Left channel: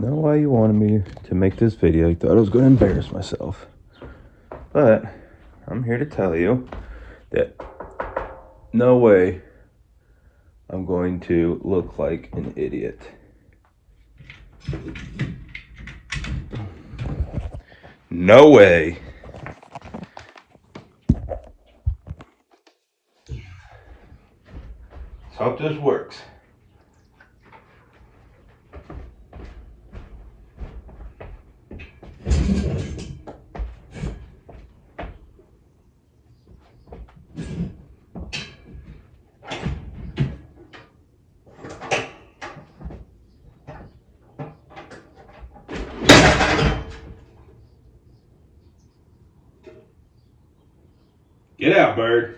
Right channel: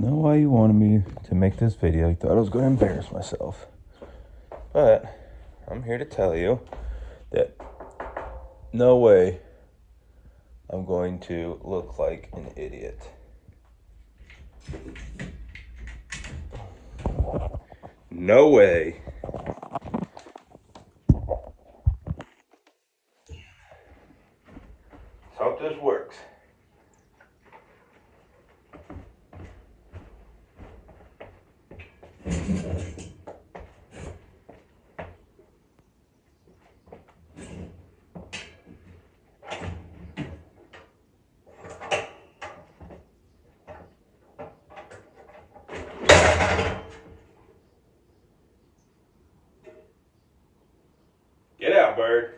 know why you wanted me to make this video. You thought I was going to embarrass myself. But I'm here to tell you that no way I'm going to look like an idiot. No way. Let's hope this works. Get out, bird.